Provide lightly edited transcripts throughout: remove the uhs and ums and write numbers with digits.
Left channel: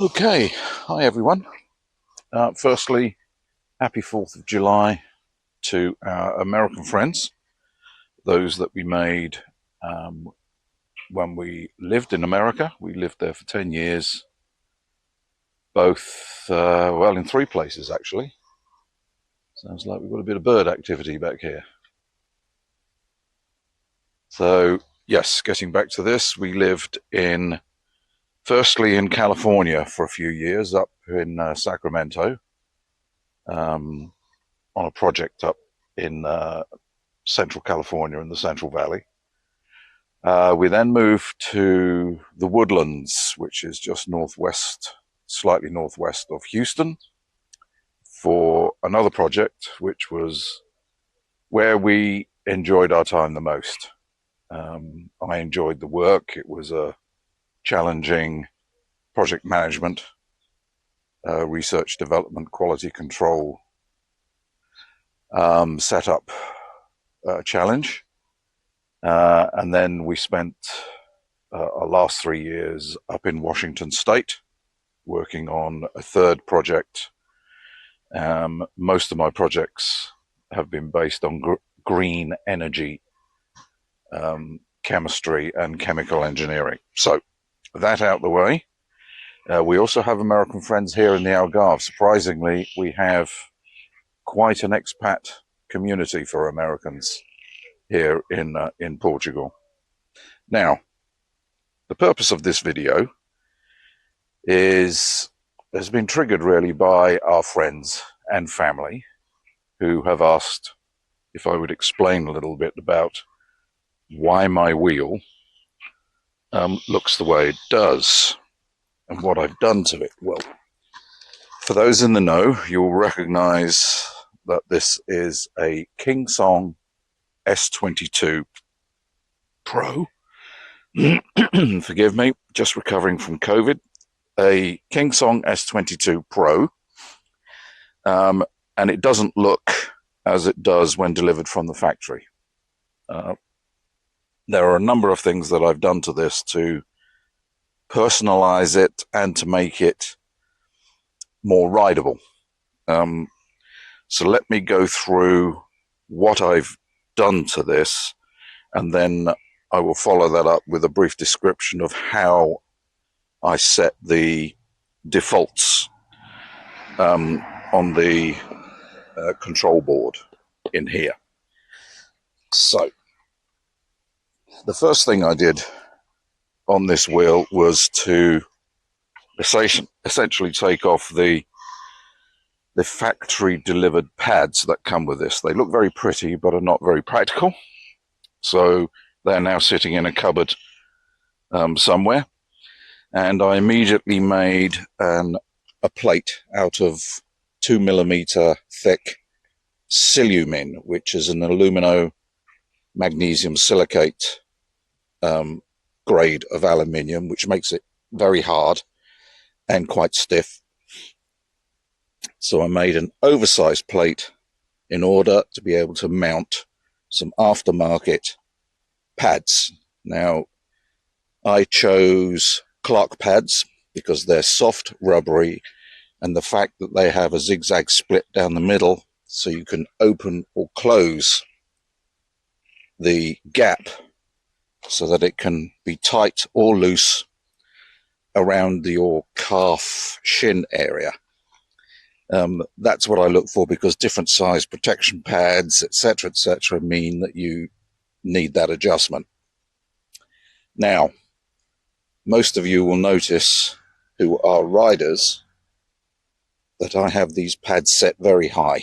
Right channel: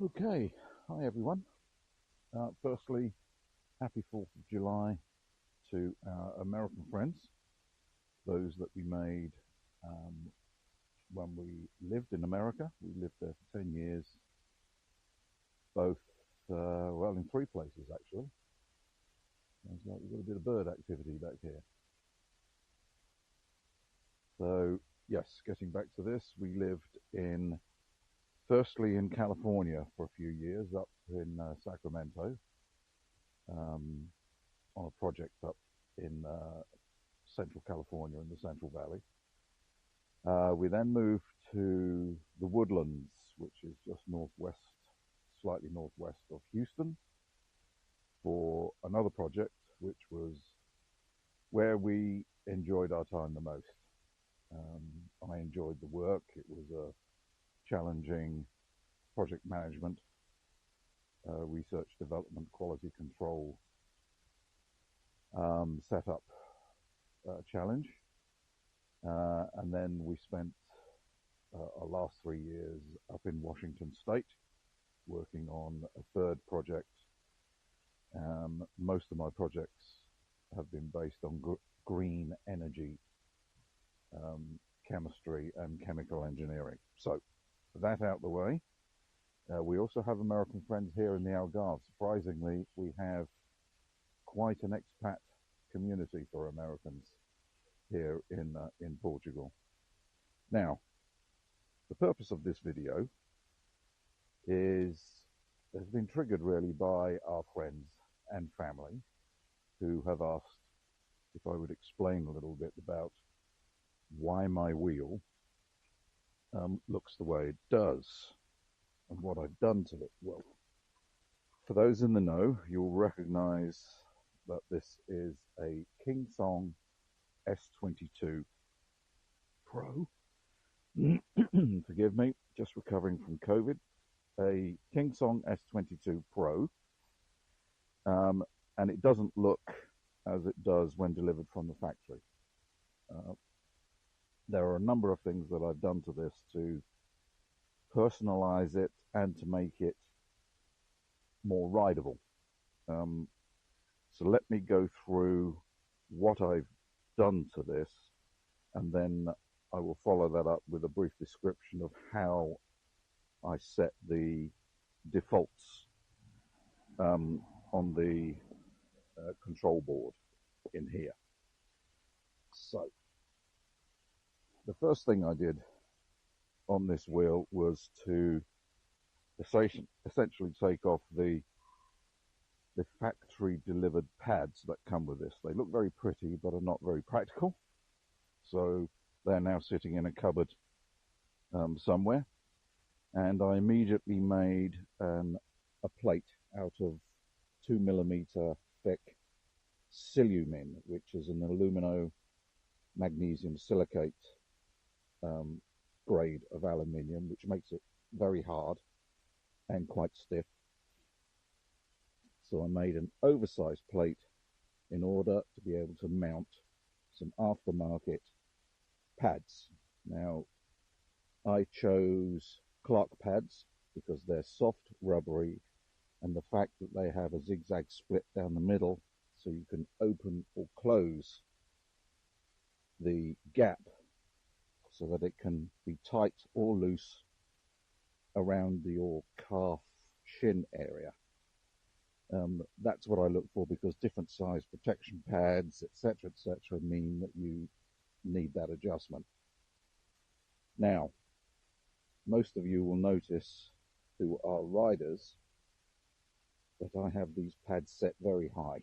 Okay, hi everyone. Firstly, happy 4th of July to our American friends, those that we made when we lived in America. We lived there for 10 years, both, well, in three places actually. Sounds like we've got a bit of bird activity back here. So, yes, getting back to this, we lived firstly in California for a few years, up in Sacramento, on a project up in Central California in the Central Valley. We then moved to the Woodlands, which is just northwest, slightly northwest of Houston, for another project, which was where we enjoyed our time the most. I enjoyed the work. It was a challenging project management, research development, quality control setup challenge. And then we spent our last 3 years up in Washington State, working on a third project. Most of my projects have been based on green energy, chemistry, and chemical engineering. So, that out the way, we also have American friends here in the Algarve. Surprisingly, we have quite an expat community for Americans here in Portugal. Now, the purpose of this video has been triggered really by our friends and family who have asked if I would explain a little bit about why my wheel looks the way it does and what I've done to it. Well, for those in the know, you'll recognize that this is a Kingsong S22 Pro. Forgive me, just recovering from COVID. A Kingsong S22 Pro, and it doesn't look as it does when delivered from the factory. There are a number of things that I've done to this to personalize it and to make it more rideable. So let me go through what I've done to this, and then I will follow that up with a brief description of how I set the defaults on the control board in here. So the first thing I did on this wheel was to essentially take off the factory delivered pads that come with this. They look very pretty but are not very practical, so they're now sitting in a cupboard somewhere, and I immediately made a plate out of 2mm thick silumin, which is an alumino magnesium silicate grade of aluminium, which makes it very hard and quite stiff. So I made an oversized plate in order to be able to mount some aftermarket pads. Now, I chose Clark pads because they're soft, rubbery, and the fact that they have a zigzag split down the middle so you can open or close the gap so that it can be tight or loose around your calf shin area. That's what I look for, because different size protection pads, etc., mean that you need that adjustment. Now, most of you will notice, who are riders, that I have these pads set very high.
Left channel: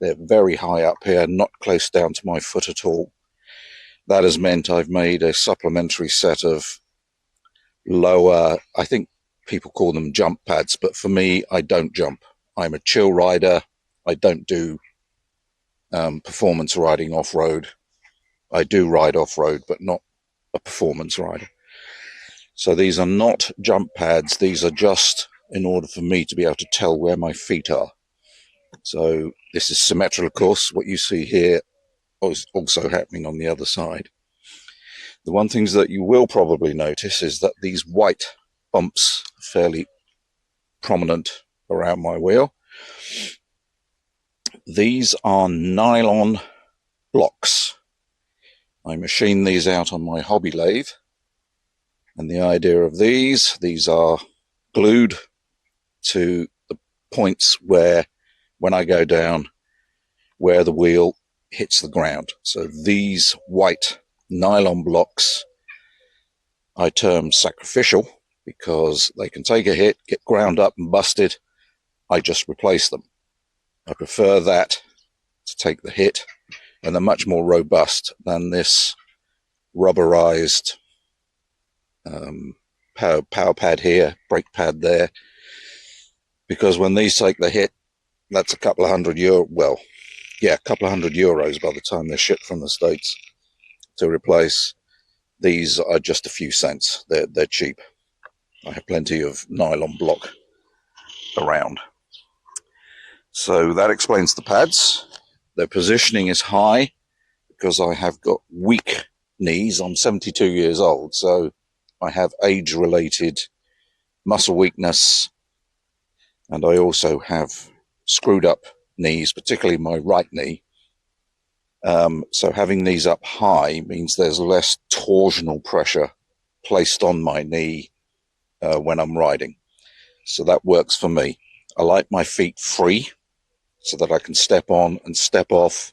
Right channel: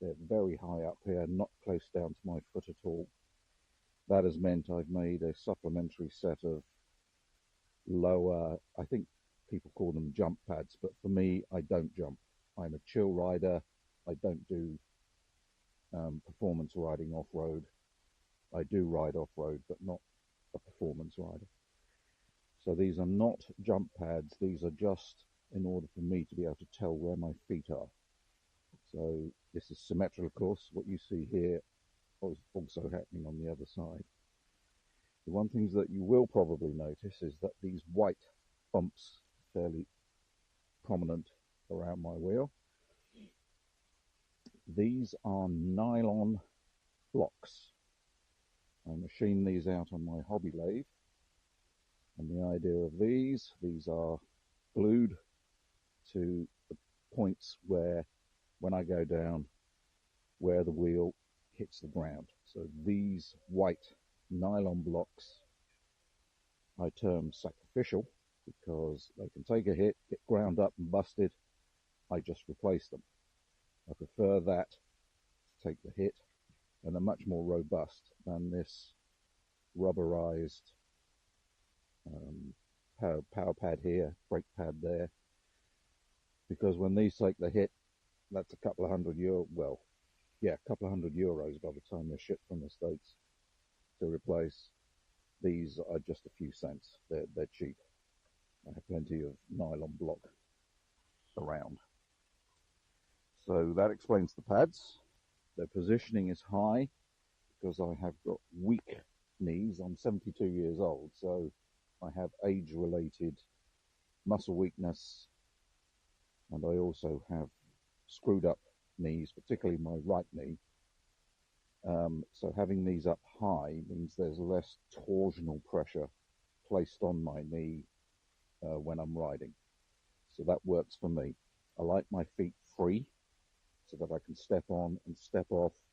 They're very high up here, not close down to my foot at all. That has meant I've made a supplementary set of lower, I think people call them jump pads, but for me, I don't jump. I'm a chill rider. I don't do performance riding off-road. I do ride off-road, but not a performance rider. So these are not jump pads. These are just in order for me to be able to tell where my feet are. So this is symmetrical, of course. What you see here is also happening on the other side. The one thing that you will probably notice is that these white bumps are fairly prominent around my wheel. These are nylon blocks. I machine these out on my hobby lathe, and the idea of these are glued to the points where, when I go down, where the wheel hits the ground. So these white nylon blocks I term sacrificial, because they can take a hit, get ground up and busted. I just replace them. I prefer that to take the hit, and they're much more robust than this rubberized power pad here, brake pad there, because when these take the hit, that's a couple of €100. Well, yeah, a couple of €100 by the time they're shipped from the States to replace. These are just a few cents. They're cheap. I have plenty of nylon block around. So that explains the pads. Their positioning is high because I have got weak knees. I'm 72 years old, so I have age-related muscle weakness, and I also have screwed up knees, particularly my right knee. So having these up high means there's less torsional pressure placed on my knee when I'm riding. So that works for me. I like my feet free so that I can step on and step off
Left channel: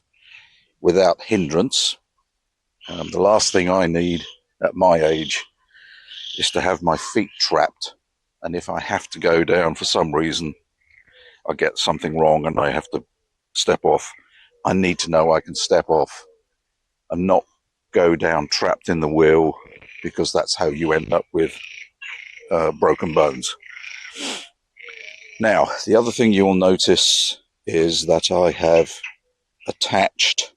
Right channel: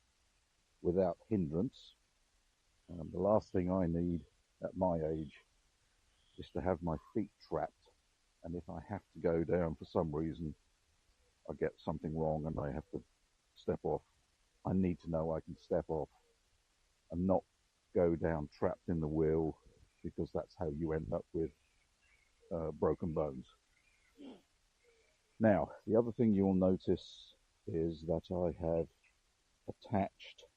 without hindrance. The last thing I need at my age is to have my feet trapped. And if I have to go down for some reason, I get something wrong and I have to step off, I need to know I can step off and not go down trapped in the wheel, because that's how you end up with broken bones. Now, the other thing you will notice is that I have attached,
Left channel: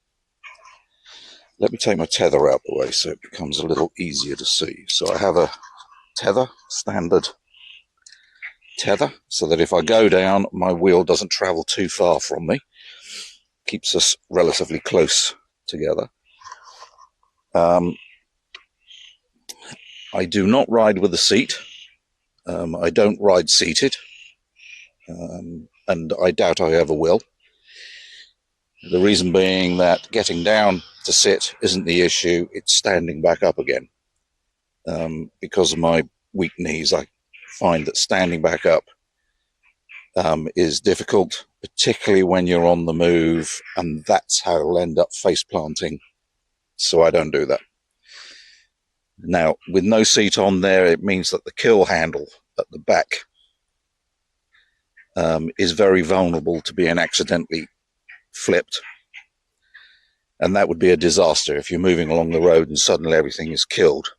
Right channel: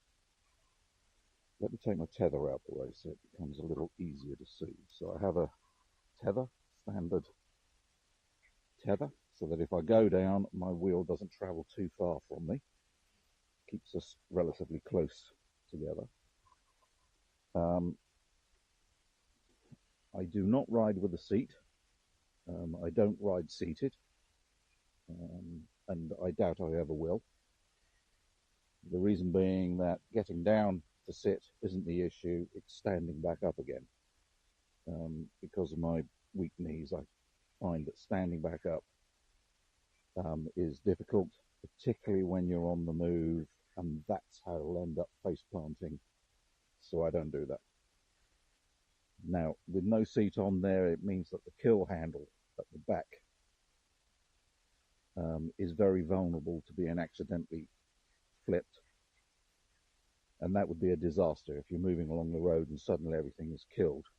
let me take my tether out the way so it becomes a little easier to see. So I have a tether, standard tether, so that if I go down, my wheel doesn't travel too far from me. Keeps us relatively close together. I do not ride with a seat. I don't ride seated, and I doubt I ever will. The reason being that getting down to sit isn't the issue, it's standing back up again. Because of my weak knees, I find that standing back up is difficult, particularly when you're on the move, and that's how I'll end up face planting. So I don't do that. Now, with no seat on there, it means that the kill handle at the back is very vulnerable to being accidentally flipped. And that would be a disaster if you're moving along the road and suddenly everything is killed.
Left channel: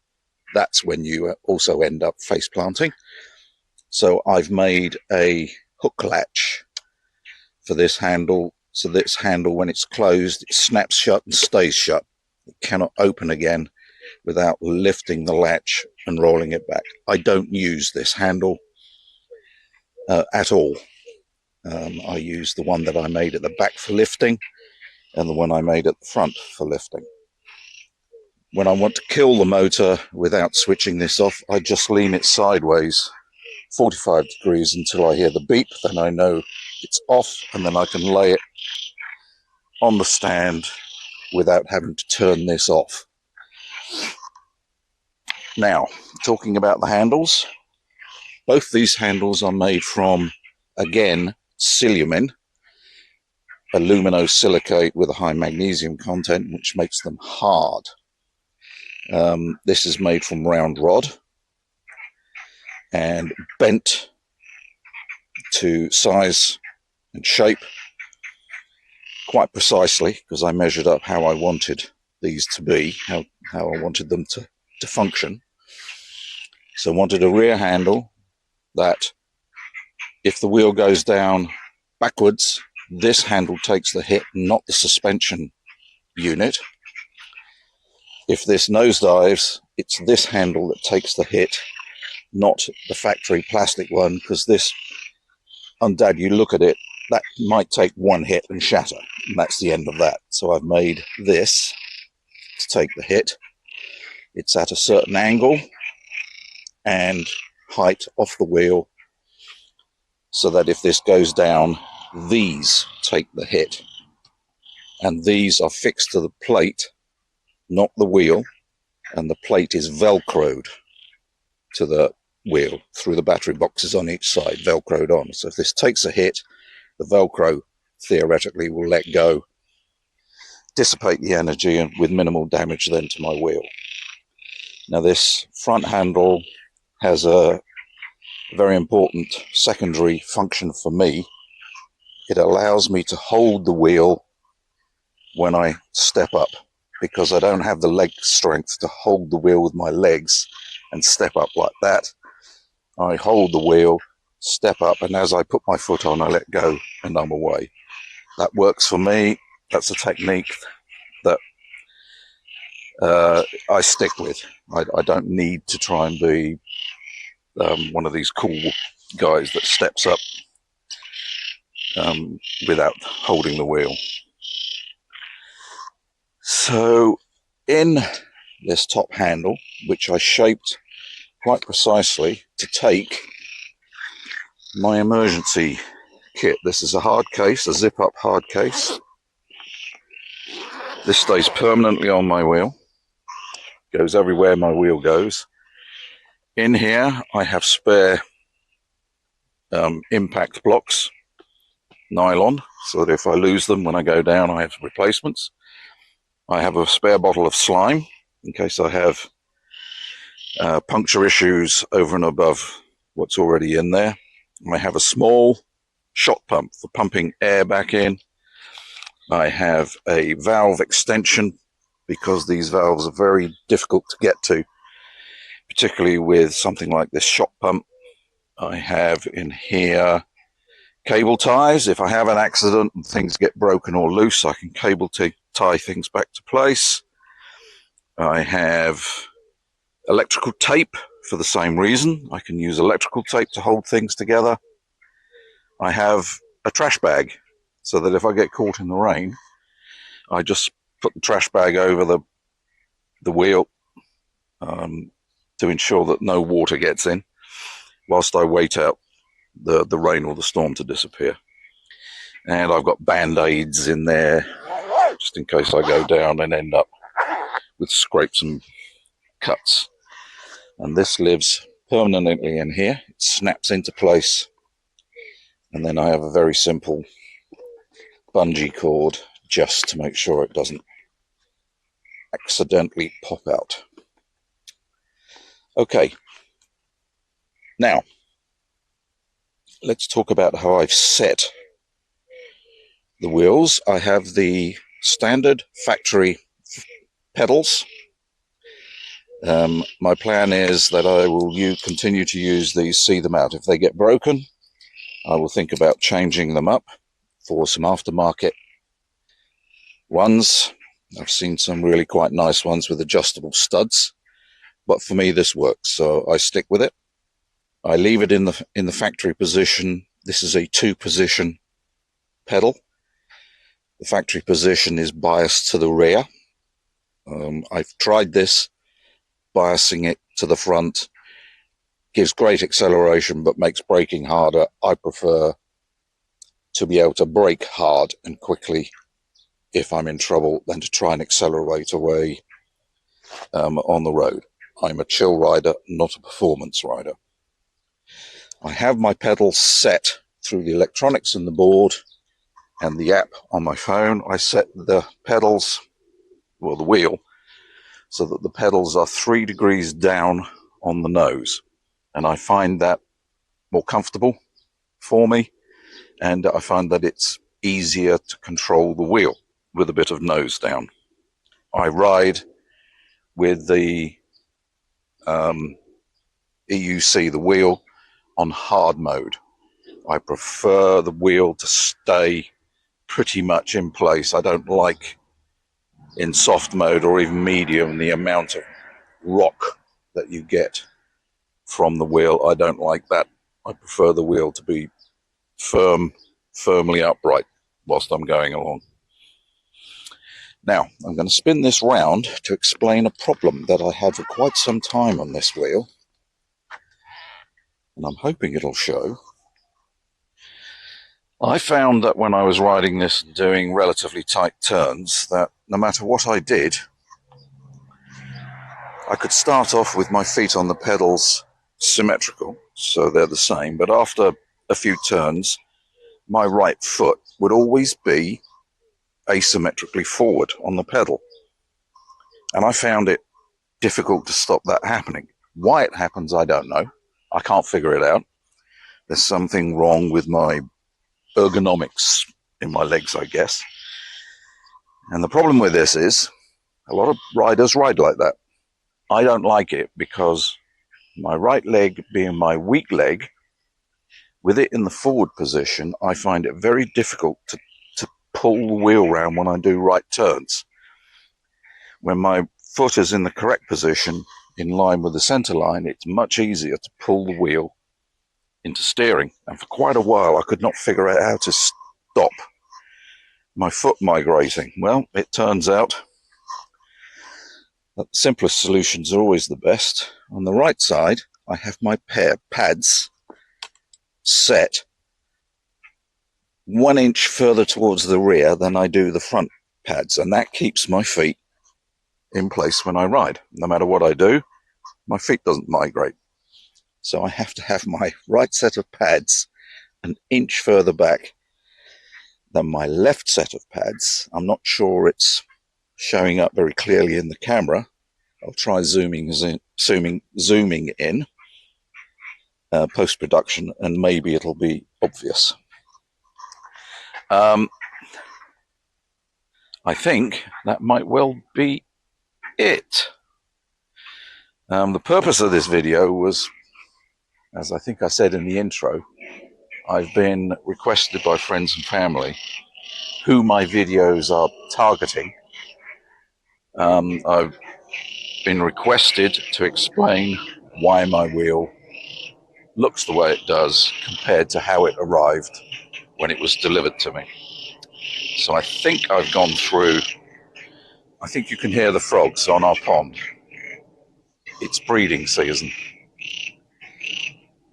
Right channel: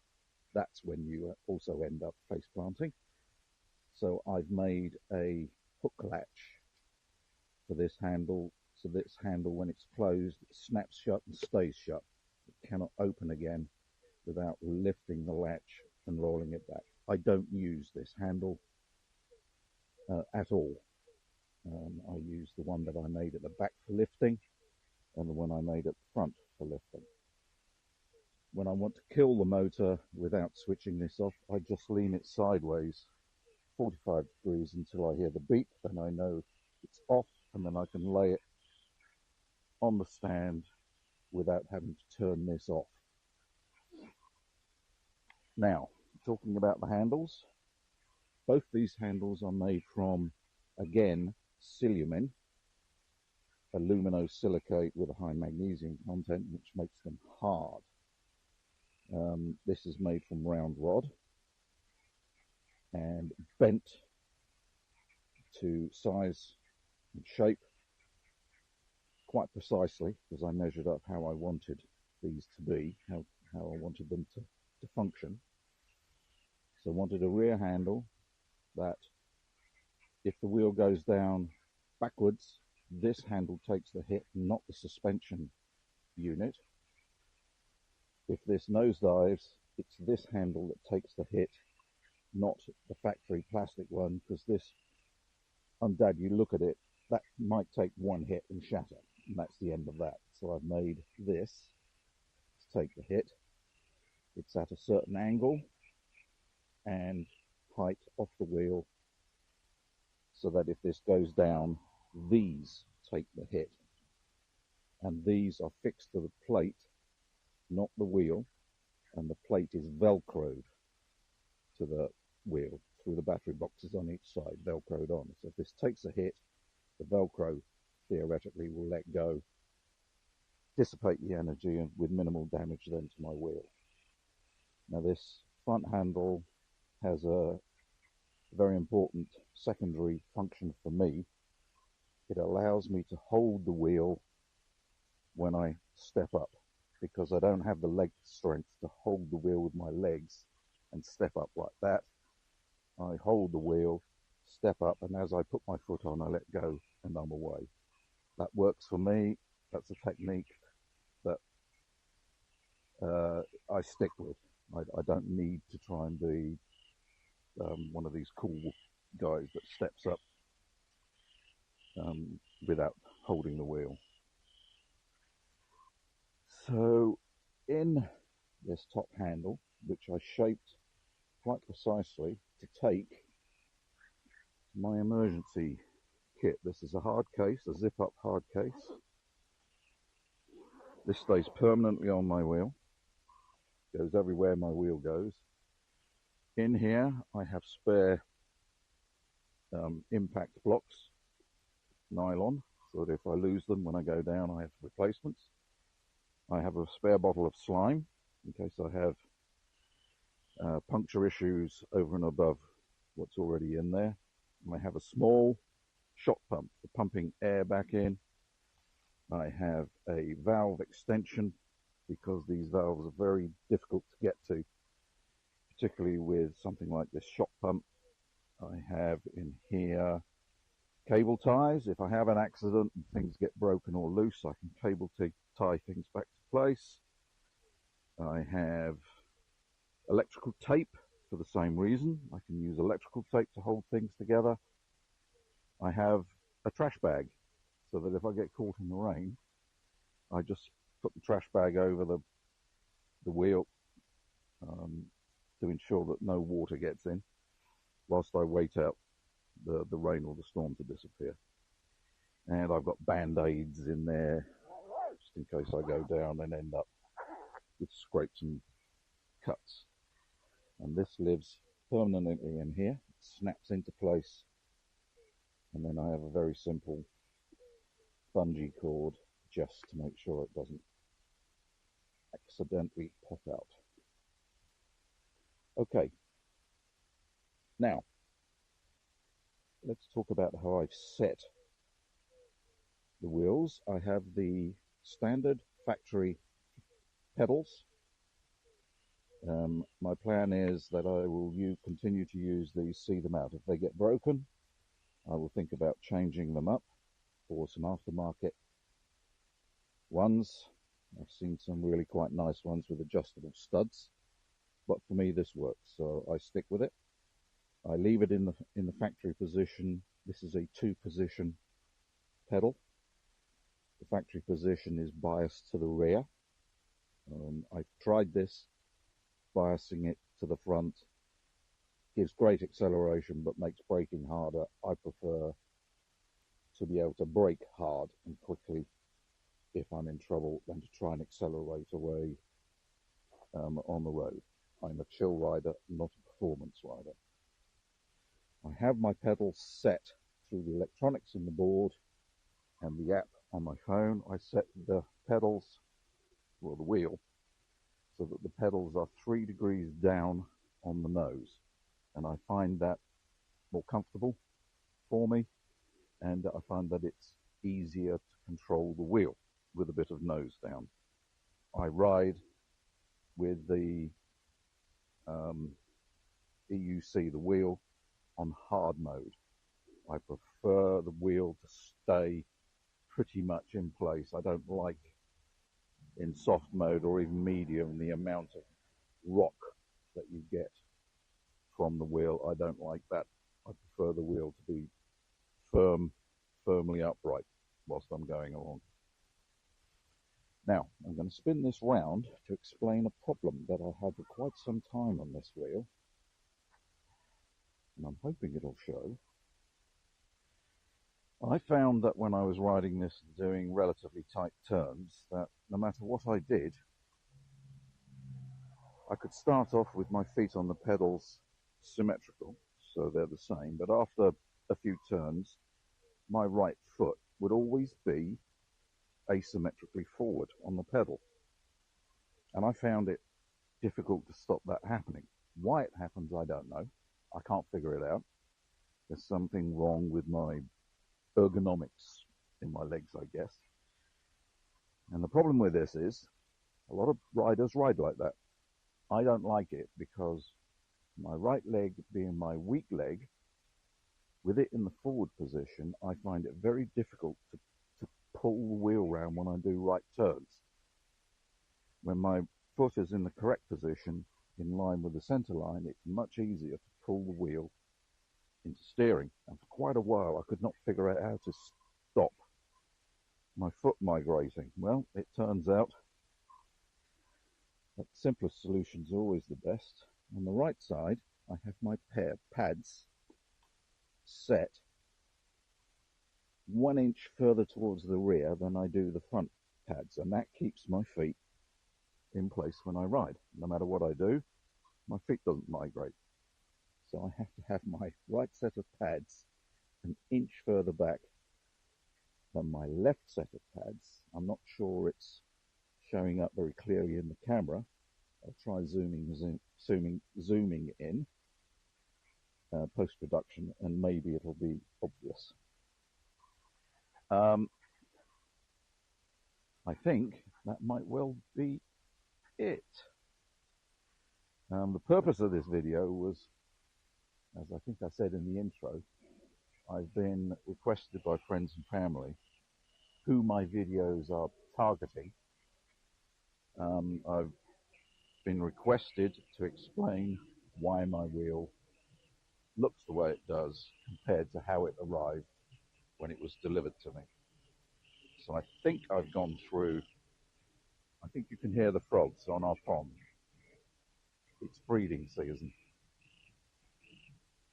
That's when you also end up face planting. So I've made a hook latch for this handle. So this handle, when it's closed, it snaps shut and stays shut. It cannot open again without lifting the latch and rolling it back. I don't use this handle at all. I use the one that I made at the back for lifting and the one I made at the front for lifting. When I want to kill the motor without switching this off, I just lean it sideways 45 degrees until I hear the beep. Then I know it's off, and then I can lay it on the stand without having to turn this off. Now, talking about the handles, both these handles are made from, again, silumin, aluminosilicate with a high magnesium content, which makes them hard. This is made from round rod and bent to size and shape quite precisely, because I measured up how I wanted these to be, how I wanted them to function. So I wanted a rear handle that, if the wheel goes down backwards, this handle takes the hit, not the suspension unit. If this nosedives, it's this handle that takes the hit, not the factory plastic one, because this, on Dad, you look at it, that might take one hit and shatter, and that's the end of that. So I've made this to take the hit. It's at a certain angle and height off the wheel, so that if this goes down, these take the hit. And these are fixed to the plate, not the wheel, and the plate is velcroed to the wheel through the battery boxes on each side, velcroed on. So if this takes a hit, the velcro theoretically will let go, dissipate the energy, and with minimal damage then to my wheel. Now this front handle has a very important secondary function for me. It allows me to hold the wheel when I step up, because I don't have the leg strength to hold the wheel with my legs and step up like that. I hold the wheel, step up, and as I put my foot on, I let go and I'm away. That works for me. That's a technique that I stick with. I don't need to try and be one of these cool guys that steps up without holding the wheel. So in this top handle, which I shaped quite precisely to take my emergency kit. This is a hard case, a zip-up hard case. This stays permanently on my wheel, goes everywhere my wheel goes. In here I have spare impact blocks, nylon, so that if I lose them when I go down, I have replacements. I have a spare bottle of slime in case I have puncture issues over and above what's already in there. I have a small shot pump for pumping air back in. I have a valve extension because these valves are very difficult to get to, particularly with something like this shot pump. I have in here cable ties. If I have an accident and things get broken or loose, I can cable tie things back to place. I have electrical tape for the same reason. I can use electrical tape to hold things together. I have a trash bag so that if I get caught in the rain, I just put the trash bag over the wheel to ensure that no water gets in whilst I wait out the rain or the storm to disappear. And I've got band-aids in there just in case I go down and end up with scrapes and cuts. And this lives permanently in here. It snaps into place, and then I have a very simple bungee cord just to make sure it doesn't accidentally pop out. Okay, now let's talk about how I've set the wheels. I have the standard factory pedals. My plan is that I will continue to use these, see them out. If they get broken, I will think about changing them up for some aftermarket ones. I've seen some really quite nice ones with adjustable studs, but for me this works, so I stick with it. I leave it in the factory position. This is a 2-position pedal. The factory position is biased to the rear. I've tried this, biasing it to the front. Gives great acceleration but makes braking harder. I prefer to be able to brake hard and quickly if I'm in trouble than to try and accelerate away on the road. I'm a chill rider, not a performance rider. I have my pedals set through the electronics in the board and the app on my phone. I set the pedals, well, the wheel, so that the pedals are 3 degrees down on the nose. And I find that more comfortable for me, and I find that it's easier to control the wheel with a bit of nose down. I ride with the EUC, the wheel, on hard mode. I prefer the wheel to stay pretty much in place. I don't like in soft mode or even medium the amount of rock that you get from the wheel. I don't like that. I prefer the wheel to be firmly upright whilst I'm going along. Now, I'm going to spin this round to explain a problem that I had for quite some time on this wheel. And I'm hoping it'll show. I found that when I was riding this and doing relatively tight turns, that no matter what I did, I could start off with my feet on the pedals symmetrical, so they're the same, but after a few turns, my right foot would always be asymmetrically forward on the pedal. And I found it difficult to stop that happening. Why it happens, I don't know. I can't figure it out. There's something wrong with my ergonomics in my legs, I guess. And the problem with this is a lot of riders ride like that. I don't like it because my right leg being my weak leg, with it in the forward position, I find it very difficult to pull the wheel round when I do right turns. When my foot is in the correct position, in line with the center line, it's much easier to pull the wheel into steering. And for quite a while, I could not figure out how to stop my foot migrating. Well, it turns out that the simplest solutions are always the best. On the right side, I have my pair pads set 1 inch further towards the rear than I do the front pads, and that keeps my feet in place when I ride. No matter what I do, my feet doesn't migrate. So I have to have my right set of pads 1 inch further back than my left set of pads. I'm not sure it's showing up very clearly in the camera. I'll try zooming in post-production, and maybe it'll be obvious. I think that might well be it. The purpose of this video was, as I think I said in the intro, I've been requested by friends and family who my videos are targeting. I've been requested to explain why my wheel looks the way it does compared to how it arrived when it was delivered to me. So I think I've gone through. I think you can hear the frogs on our pond. It's breeding season.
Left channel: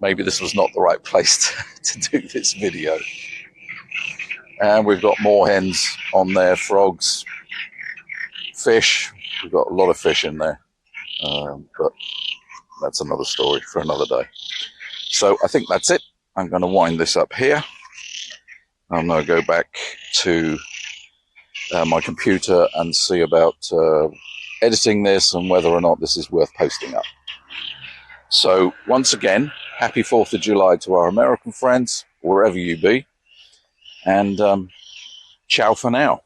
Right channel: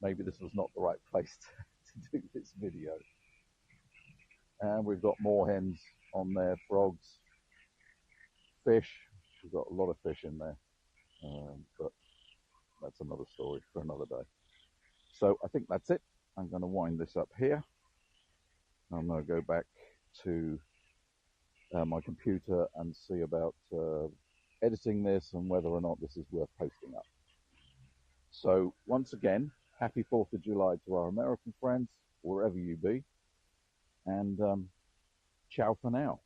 Maybe this was not the right place to do this video. And we've got more hens on there, frogs, fish. We've got a lot of fish in there, but that's another story for another day. So I think that's it. I'm going to wind this up here. I'm going to go back to my computer and see about editing this and whether or not this is worth posting up. So once again, happy 4th of July to our American friends, wherever you be, and ciao for now.